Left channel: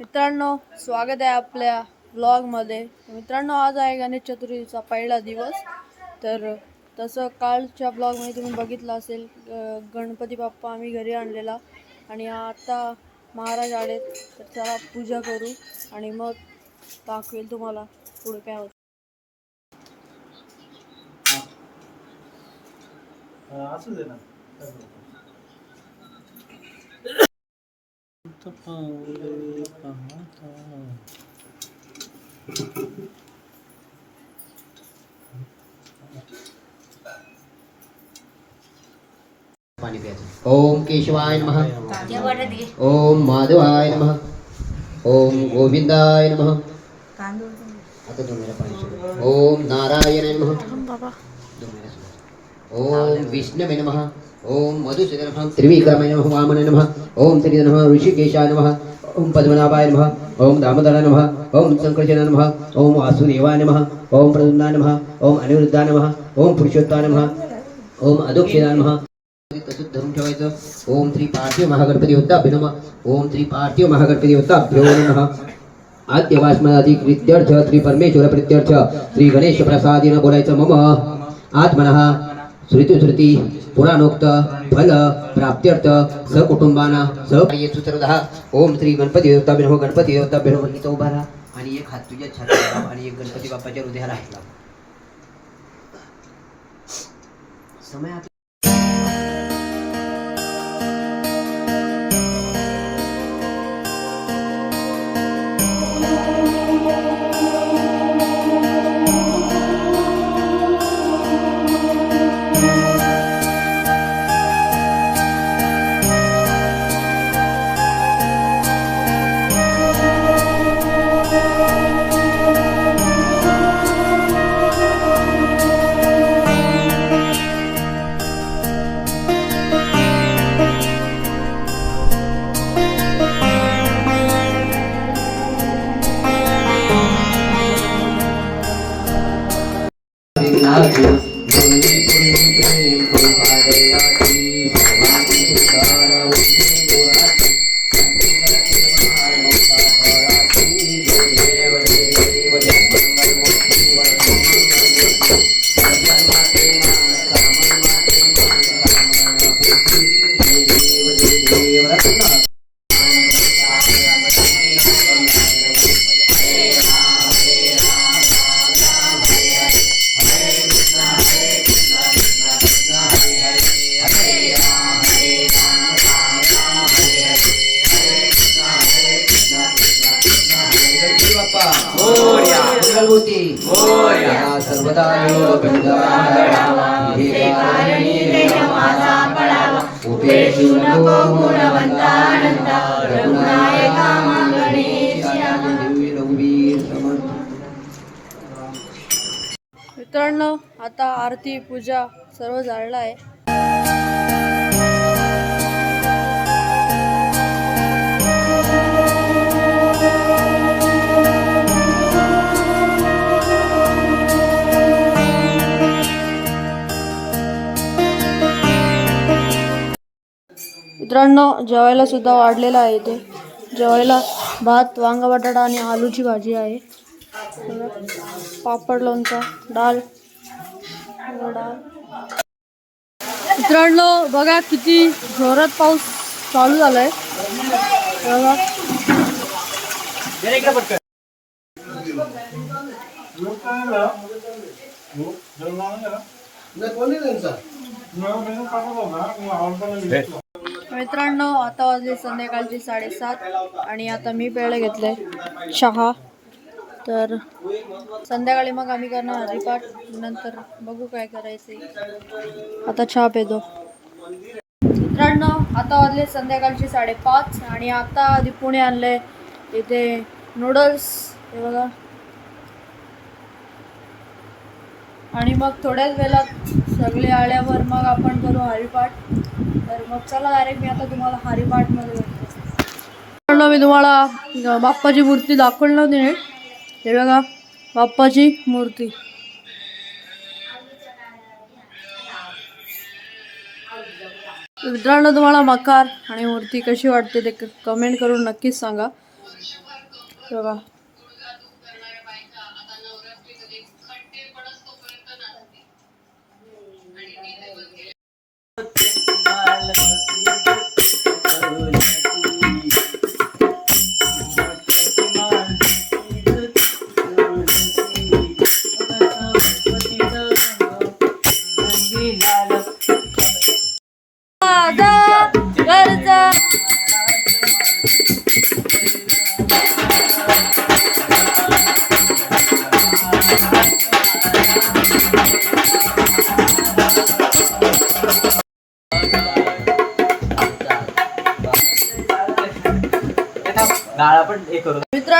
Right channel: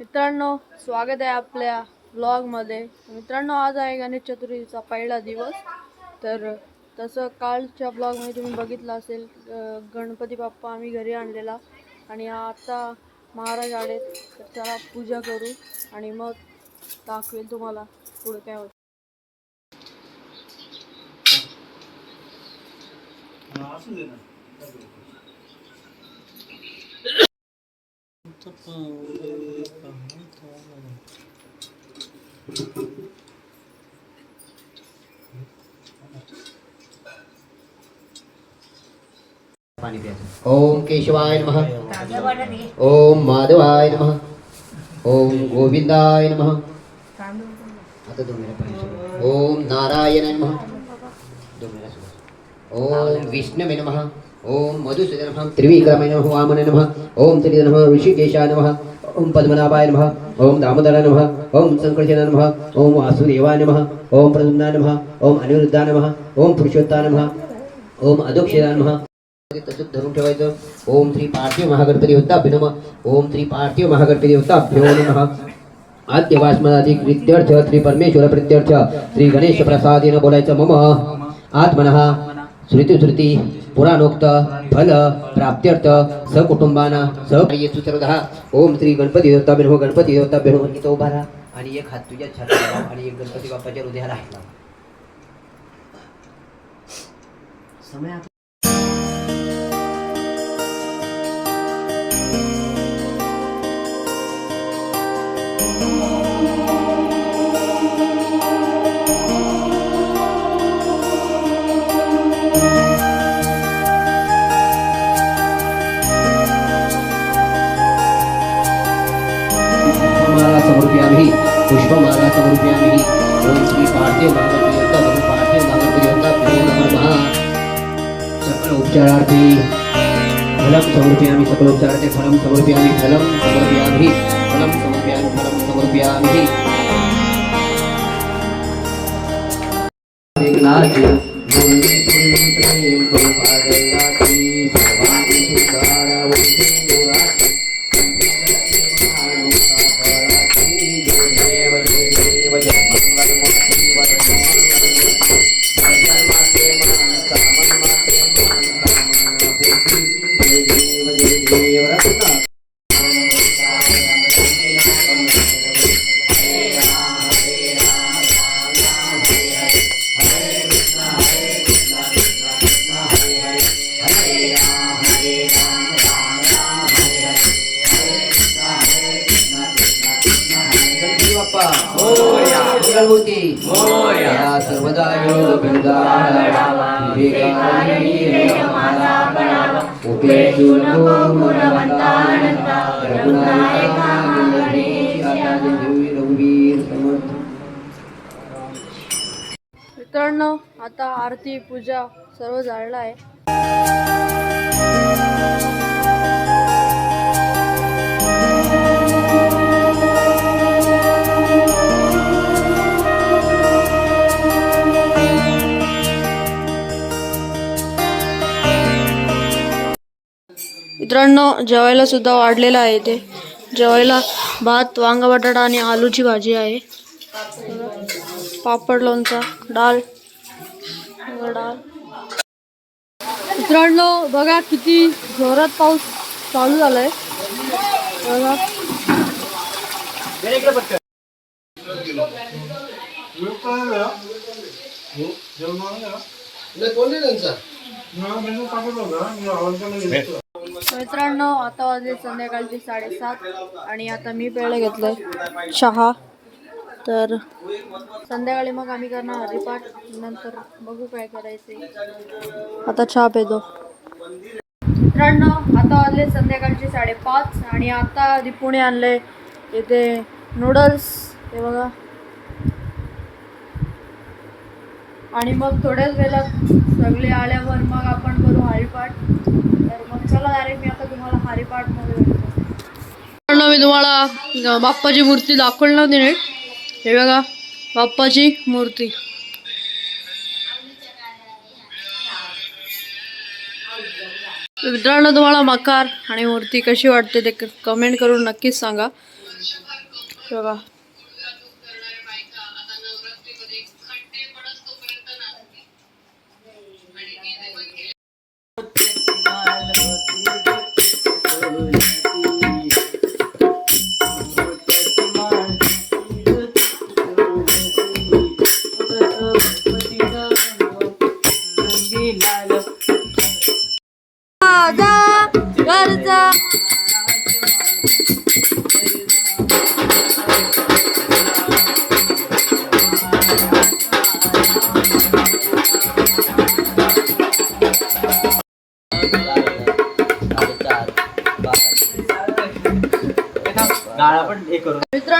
मित्रांनो स्वागत आहे आपल्या ब्लॉगमध्ये मित्रांनो आज आहे गणेश चतुर्थीचा पहिला दिवस. तर तसं कालच्या ब्लॉगमध्ये तुम्ही बघितलं असेल गणपती बाप्पा आम्ही घरी आणलेला. आणि आता महाराज आलेत तर त्याला पूजा करू आणि मग दाखवेल तुम्हाला पुढे काय होतं. दे ना. ओम केशवाय नमः। ओम माधवाय नमः। ओम गोविंदाय नमः। आता दोन वेळा पाणी ओम नारायणाय नमः। दोन वेळा ओम विष्णवे नमः। ओम मधुसूदन नमः। त्रिविक्रमाय नमः। वामनाय नमः। ओम श्री नमः। ऋषिकेशाय नमः। ओम पद्मनाभाय नमः ओम दामोदराय नमः ओम संकर्षणाय नमः ओम वासुदेवाय नमः ओम प्रद्युम्नाय नमः ओम अनिरुद्धाय नमः ओम पुरुषोत्ताय नमः ओम अधोक्षराय नमः। तसंच धरून ठेवायचं ओम श्री पार्थिव महागणपती होता अभिनम ओम श्री पार्थिव महागणपती होताभ्यो नमः। आद्यवास्मदादी कृत्यर्थ श्री परमेश्वर प्रत्यर्थ श्री गणेश प्रसादेनं बोलायचं मम आत्मनः। श्रुती श्रुती पुराणोक्त फल प्राप्त्यर्थ सहकुटुंबाना सह सर्वदा ओम श्री गणपती देवता बिनो गणपती देवता बिनो इथं उभा राहा आणि एक हात तुझ्या छातीला आणि एक गणपती बाप्पाच्या हृदयाला आहे समय उपचारार्थी फलं समर्पयामि सकल उपचारार्थी फलं समर्पयामि फलं समर्पयामि फलं समर्पयामि फलं समर्पयामि विघ्नाति प्रेम सदा योग नको रघुनायका मित्रांनो आता आरती पूजा सर्व झालेलं आहे. मित्रांनो जेवायला सुद्धा वाढलेलं आहे ते. जेवायला भात वांगा बटाटा आणि आलूची भाजी आहे. पापड लोणचा डाळ. डाळ मित्रांनो बघा किती जोरात पाऊस चालू झालाय. बघा. मित्रांनो आता वाजले संध्याकाळचे साडेसात आणि आता मी पेळ घेतले. चहा. तर संध्याकाळी मग आम्ही करणार हरिपाठ नंतर बघू काय करायचे आता चहा पेदो मित्रांनो आता वाजले संध्याकाळचे साडेपाच आणि आता दीपूने आणले. इथे नूडल्स हे बघा. आणि मग थोड्याच वेळात सगळे आल्यावर मग आपण करू हरिपाठ. तर मग चला डायरेक्ट मी आता तुम्हाला हरिपाठमध्ये भेटतो. मी तुम्हाला बाप्पाची मूर्ती दाखवली नव्हती नीट. हे बघा बाप्पाची मूर्ती. मित्रांनो तुम्हाला मकार आणि मूर्ती कशी वाटते ते कमेंट करून नक्कीच सांगा. बघा.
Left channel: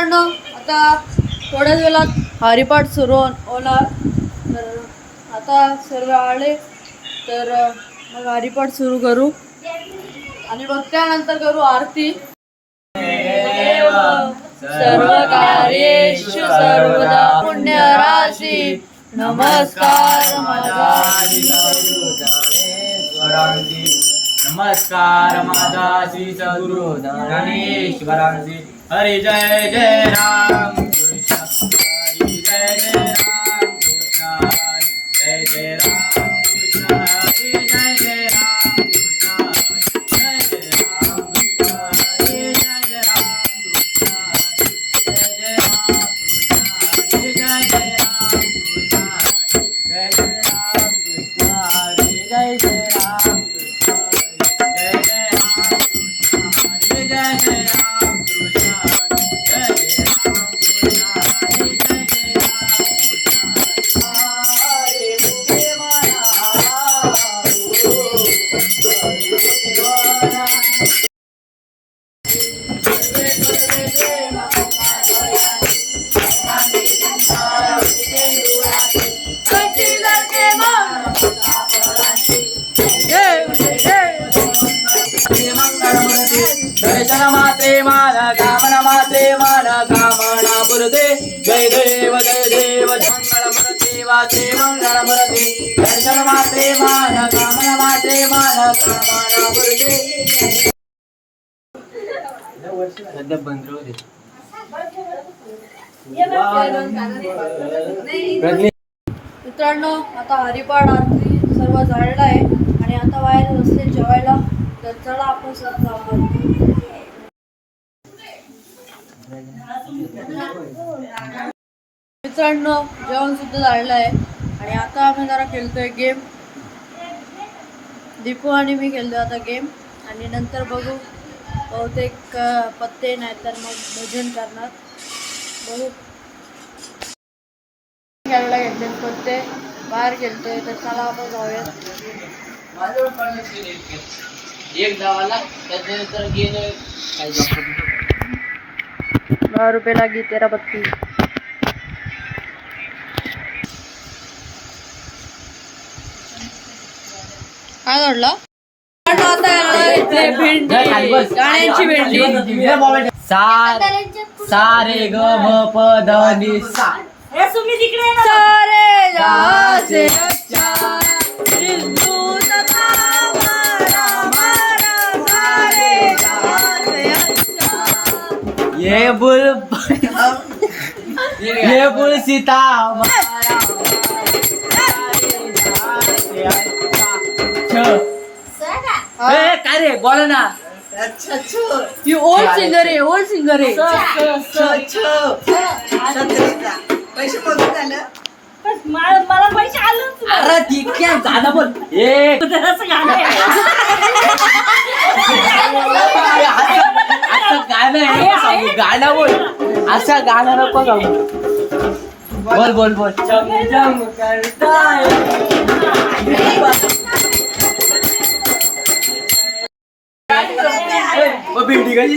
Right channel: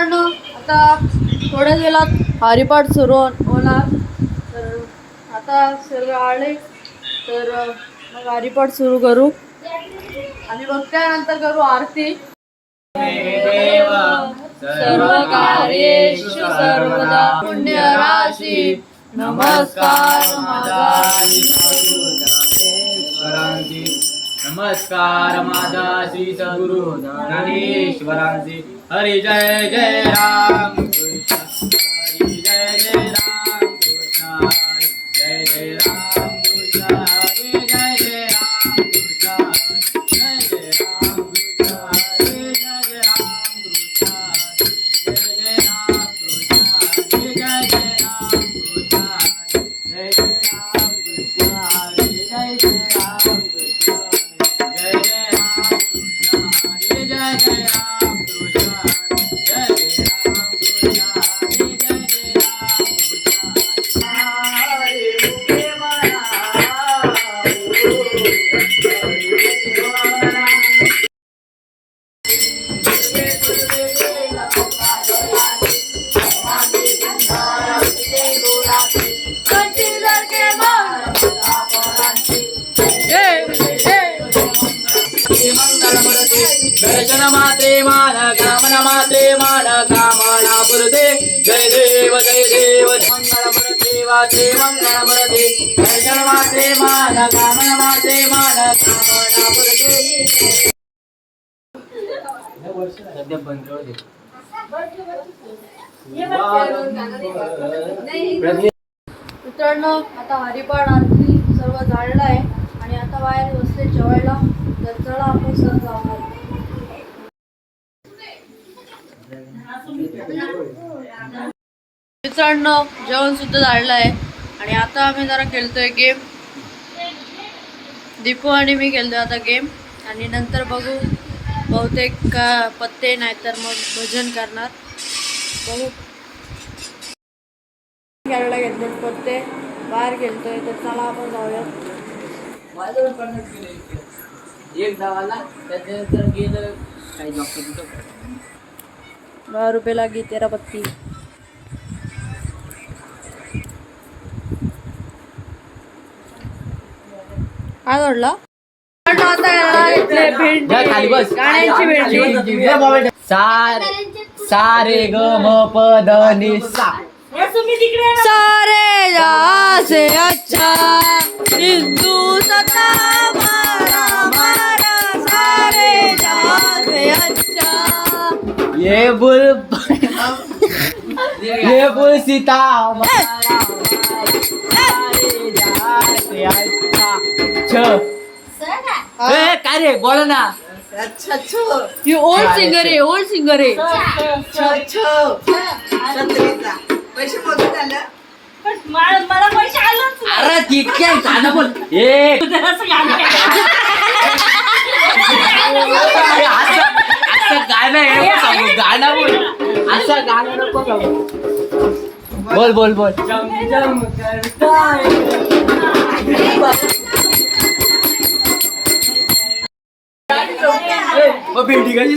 मित्रांनो आता थोड्या वेळात हरिपाठ सुरू होण- होणार. तर आता सर्व आले तर मग हरिपाठ सुरू करू. आणि मग त्यानंतर करू आरती. सर्व कार्येषु सर्वदा पुण्य राशी नमस्कार माझा नमस्कार माझा श्री सद्गुरु ज्ञानेश्वरांची हरे जय जय राम। कृष्ण जय जय दर्शन मात्रे मान कामन मात्रे मान कामना पुरते। जय देव जय देव मंगळ मुरते वाचे मंगळ दर्शन मात्रे मान कामन मात्रे मान कामना पुरते। सध्या बंद राहू दे मित्रांनो आता हरिपाड आरती सर्व झालेलं आहे आणि आता बाहेर बसले जेवायला. तर चला आपण सर्व जाऊ मित्रांनो जेवण सुद्धा झालेलं आहे. आणि आता आम्ही जरा खेळतोय गेम दीपू आणि मी खेळतोय आता गेम आणि नंतर बघू. बहुतेक पत्ते नाही तर मग भजन करणार. बघू. खेळायला घेतले पत्ते. बाहेर खेळतोय तर चला आपण जाऊयात. एक धावाला त्याच्यानंतर गेलं काही दहा रुपये लागी तेरा पत्ती काय घडलं? गाण्याची भेंडी. सार सारे ग म प ध नि सा. सारे जहाँ से अच्छा हिंदू तथा ये बुल ये बुल सीता। छ काय रे? बोला ना. यू ओल्ड सिंगर आहे ओल्ड सिंगर आहे. मला पैसे नाही. अरे ती काय गाणं बोल. ए. गाणं नको सांगू, गाणं बोल असं गाणं नको सांगू. बोल बोल बोल। भेंडी कशी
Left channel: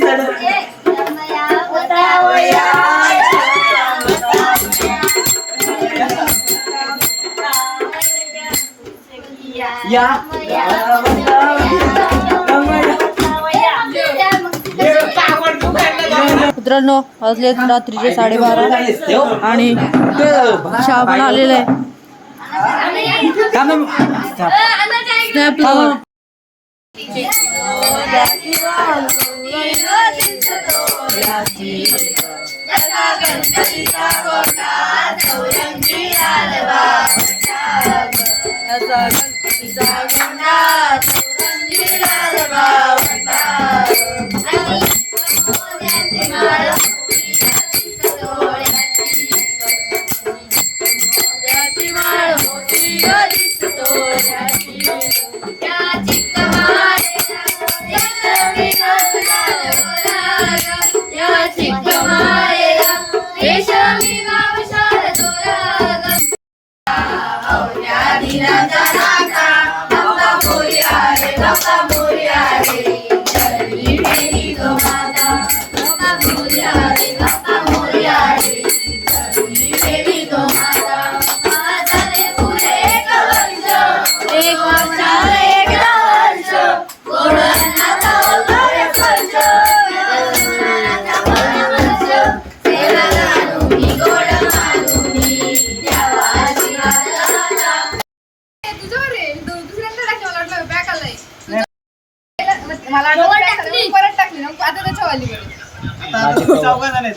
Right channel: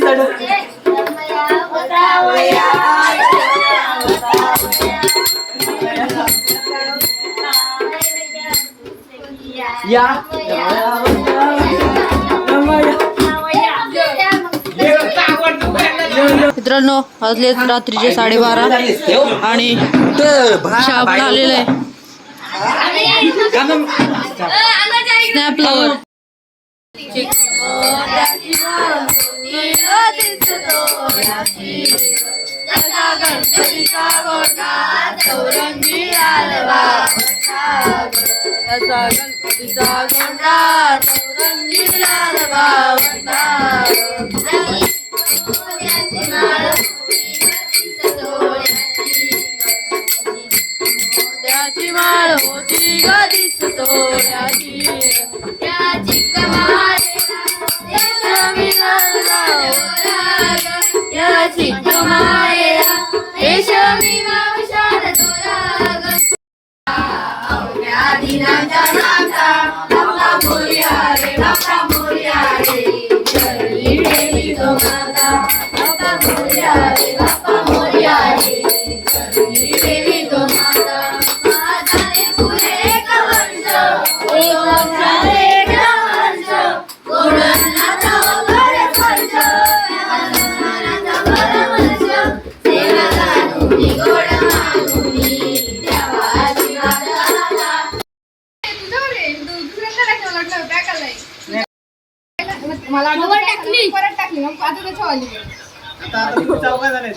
या। मित्रांनो वाजले रात्रीचे साडेबारा आणि श्रावण आलेलं आहे. स्नॅपलावर गणपतीचा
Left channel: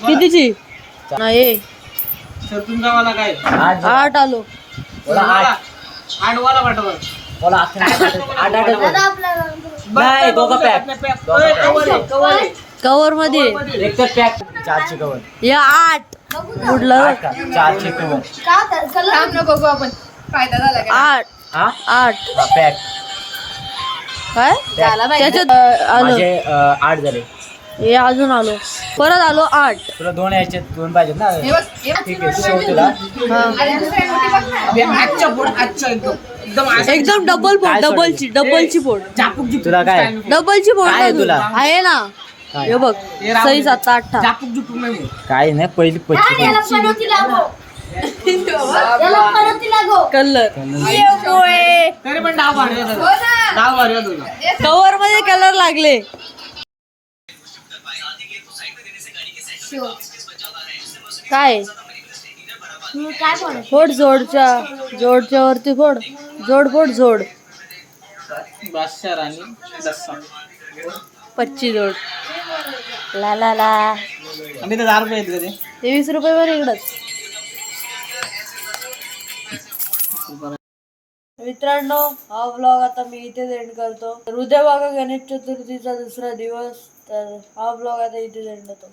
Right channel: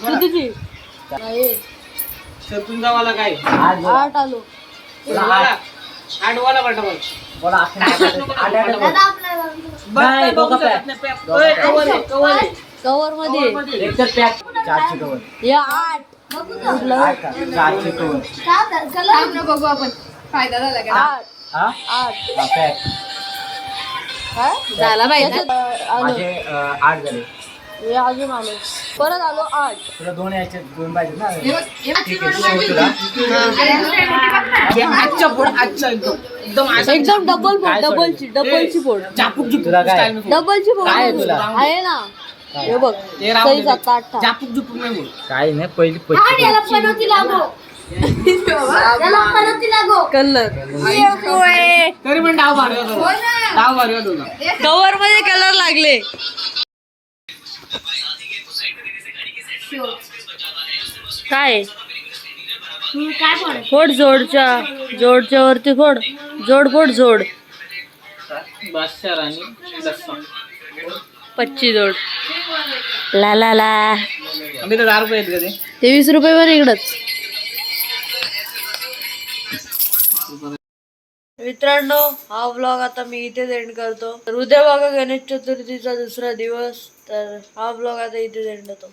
कितीची? नाही. तुमचा काय? आठ आलो. हँडवाला पाठवा नाही, दोघं pack. कवर मध्ये. एक तर पॅक चारशे कवर. या आठ. कुठलं चारशे कवर. बघू आपण. फायदा झाला का? आठ. हा? आठ. हा पॅक. आलं. माझे अं, आठ झाले. हे अजून आलो. परत आलो आठ. तुला दोन यायचे दोन पाहिजेत ना? हे हे. ठीक आहे तुला. आजच्या पोट आजच्या एकदम. एकदम आज- एकदम डबल पोट डबलची डबलची झुपूक तुला काय? style. डबलची काय मधून. तुला? आहे ना? हे. बघ हे दे. सात आठ झापूक झुपूक नाही बोल. काय नाही पहिली पच्चीस कलर. तरी पण डाव भारी कवर मध्ये कलर लागले. काय? फोड जोडच्या जोडच्या वरती फोड. जोड फोड जोड. पच्ची जोड. ला ला ला. तेवीस रुपये पण इकडच. मित्रांनो हा ब्लॉग आता मी इथेच एंड करतो. तर उद्या बघा गणेश चतुर्थीचा दुसरा दिवस. तर हा ब्लॉग आता इथेच एंड होतो.